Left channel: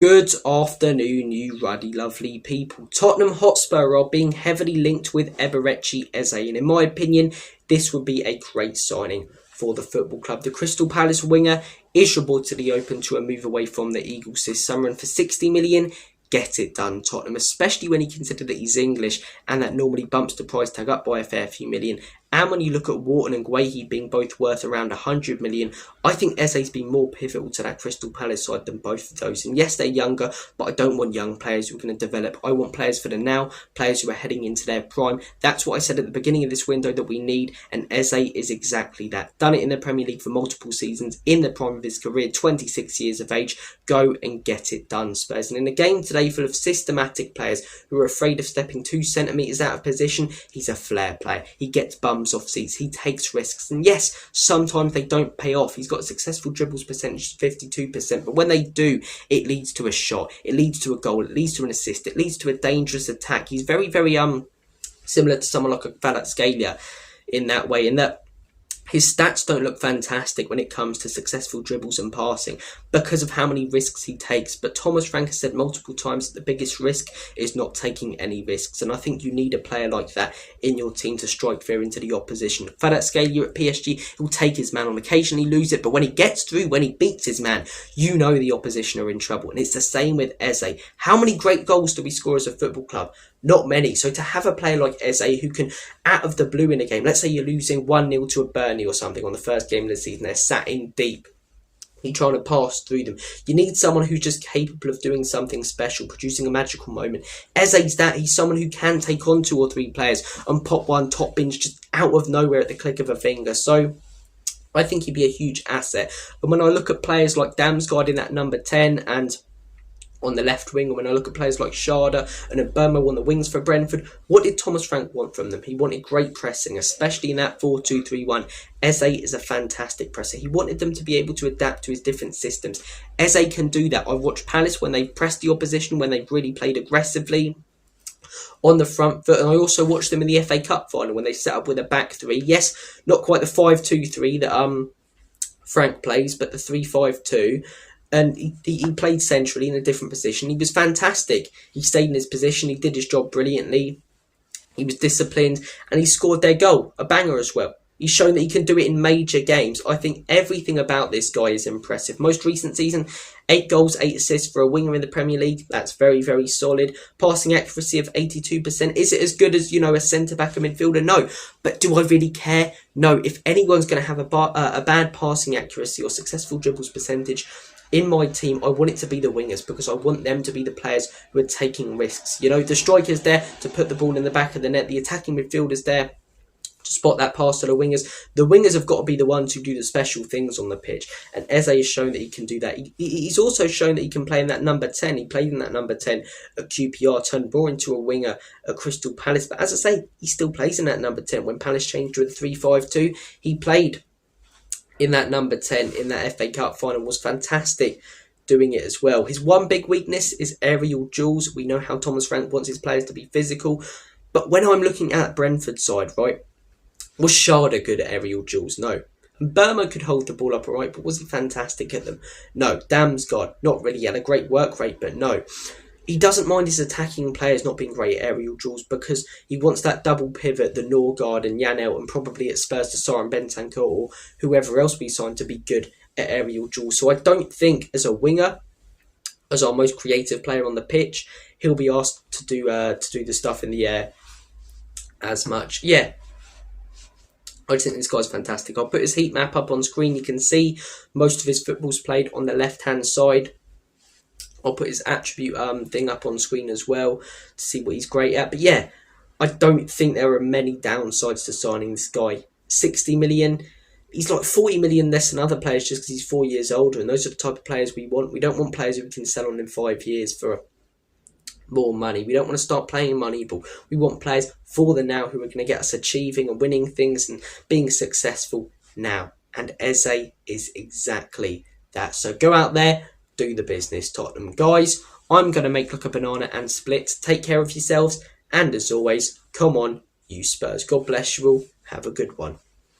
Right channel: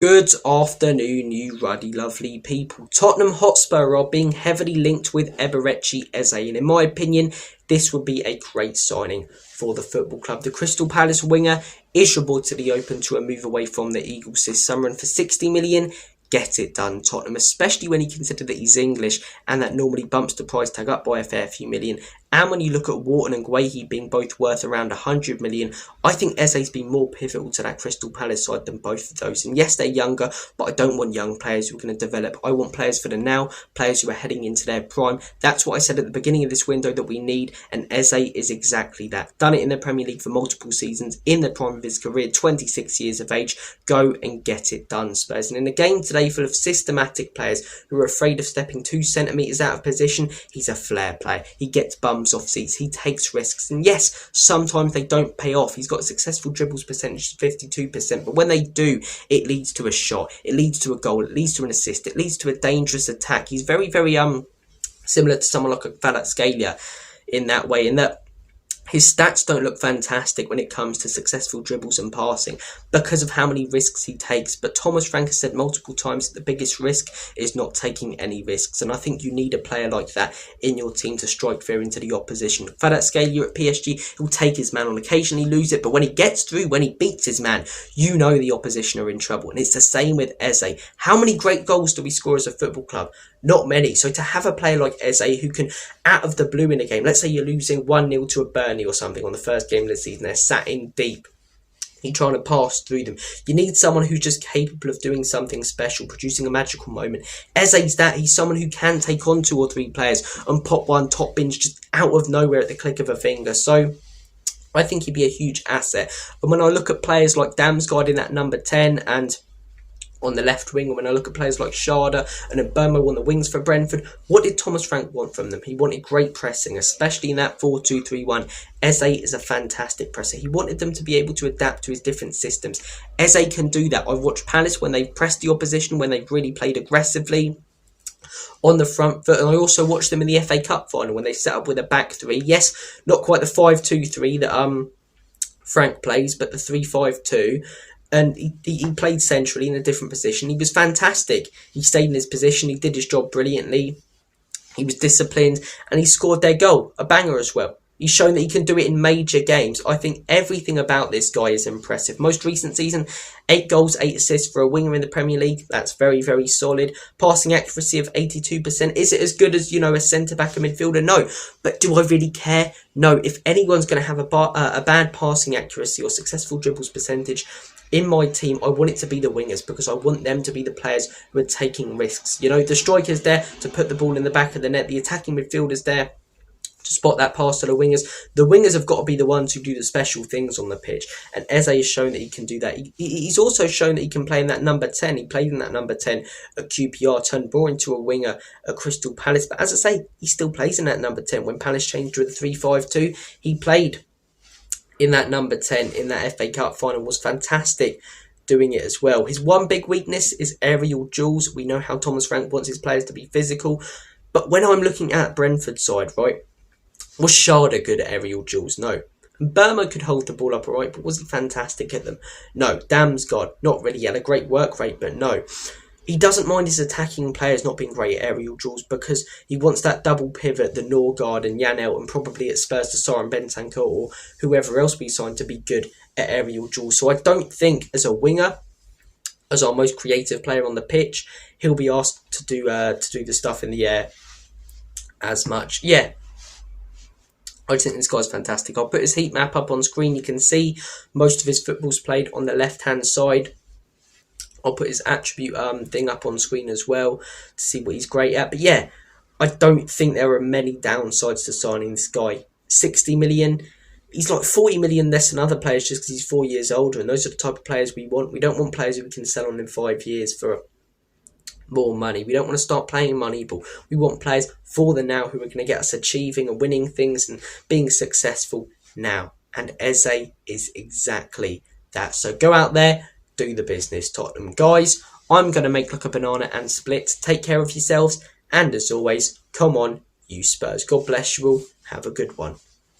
Good afternoon, you ruddy lovely people. Tottenham Hotspur are being heavily linked with Eberechi Eze, and in my opinion, this would be a great signing for the football club. The Crystal Palace winger is reportedly open to a move away from the Eagles this summer, and for 60 million, get it done, Tottenham, especially when you consider that he's English and that normally bumps the price tag up by a fair few million. And when you look at Wharton and Guehi being both worth around 100 million, I think Eze's been more pivotal to that Crystal Palace side than both of those. And yes, they're younger, but I don't want young players who are going to develop. I want players for the now, players who are heading into their prime. That's what I said at the beginning of this window that we need, and Eze is exactly that. Done it in the Premier League for multiple seasons, in the prime of his career, 26 years of age. Go and get it done, Spurs. And in a game today full of systematic players who are afraid of stepping 2 centimetres out of position, he's a flair player. He gets bums off seats, he takes risks, and yes, sometimes they don't pay off. He's got a successful dribbles percentage of 52%, but when they do, it leads to a shot, it leads to a goal, it leads to an assist, it leads to a dangerous attack. He's very similar to someone like a Kvaratskhelia in that way, in that his stats don't look fantastic when it comes to successful dribbles and passing because of how many risks he takes. But Thomas Frank has said multiple times that the biggest risk is not taking any risks. And I think you need a player like that in your team to strike fear into the opposition. Kvaratskhelia at PSG, he'll take his man on occasion, he lose it. But when he gets through, when he beats his man, you know the opposition are in trouble. And it's the same with Eze. How many great goals do we score as a football club? Not many. So to have a player like Eze who can, out of the blue in a game, let's say you're losing 1-0 to a Burnley or something on the first game of the season, they're sat in deep, you're trying to pass through them. You need someone who's just capable of doing something special, producing a magical moment. Eze's that. He's someone who can take on 2 or 3 players and pop one top binge just out of nowhere at the click of a finger. So I think he'd be a huge asset. And when I look at players like Damsgaard in that number 10 and on the left wing, when I look at players like Sharda and Burmo on the wings for Brentford, what did Thomas Frank want from them? He wanted great pressing, especially in that 4-2-3-1. Eze is a fantastic presser. He wanted them to be able to adapt to his different systems. Eze can do that. I've watched Palace when they've pressed the opposition, when they've really played aggressively on the front foot, and I also watched them in the FA Cup final when they set up with a back 3. Yes, not quite the 5-2-3 that Frank plays, but the 3-5-2. And he played centrally in a different position. He was fantastic. He stayed in his position. He did his job brilliantly. He was disciplined. And he scored their goal. A banger as well. He's shown that he can do it in major games. I think everything about this guy is impressive. Most recent season, 8 goals, 8 assists for a winger in the Premier League. That's very, very solid. Passing accuracy of 82%. Is it as good as, a centre-back or midfielder? No. But do I really care? No. If anyone's going to have a bad passing accuracy or successful dribbles percentage in my team, I want it to be the wingers, because I want them to be the players who are taking risks. The striker's there to put the ball in the back of the net. The attacking midfielder's there to spot that pass to the wingers. The wingers have got to be the ones who do the special things on the pitch. And Eze has shown that he can do that. He's also shown that he can play in that number 10. He played in that number 10 at QPR, turned more into a winger at Crystal Palace. But as I say, he still plays in that number 10. When Palace changed to a 3-5-2, he played in that number 10 in that FA Cup final, was fantastic doing it as well. His one big weakness is aerial duels. We know how Thomas Frank wants his players to be physical. But when I'm looking at Brentford's side, right, was Sharda good at aerial duels? No. Burma could hold the ball up alright, but was he fantastic at them? No. Damsgaard, not really. He had a great work rate, but no. He doesn't mind his attacking players not being great at aerial duels because he wants that double pivot, the Norgard and Janelt, and probably at Spurs, the Sar and Bentancur, or whoever else we signed, to be good at aerial duels. So I don't think as a winger, as our most creative player on the pitch, he'll be asked to do the stuff in the air as much. Yeah, I think this guy's fantastic. I'll put his heat map up on screen. You can see most of his football's played on the left-hand side. I'll put his attribute thing up on screen as well to see what he's great at. But yeah, I don't think there are many downsides to signing this guy. 60 million. He's like 40 million less than other players just because he's 4 years older. And those are the type of players we want. We don't want players who we can sell on in 5 years for more money. We don't want to start playing Moneyball. We want players for the now who are going to get us achieving and winning things and being successful now. And Eze is exactly that. So go out there, do the business, Tottenham. Guys, I'm going to make like a banana and split. Take care of yourselves. And as always, come on, you Spurs. God bless you all. Have a good one.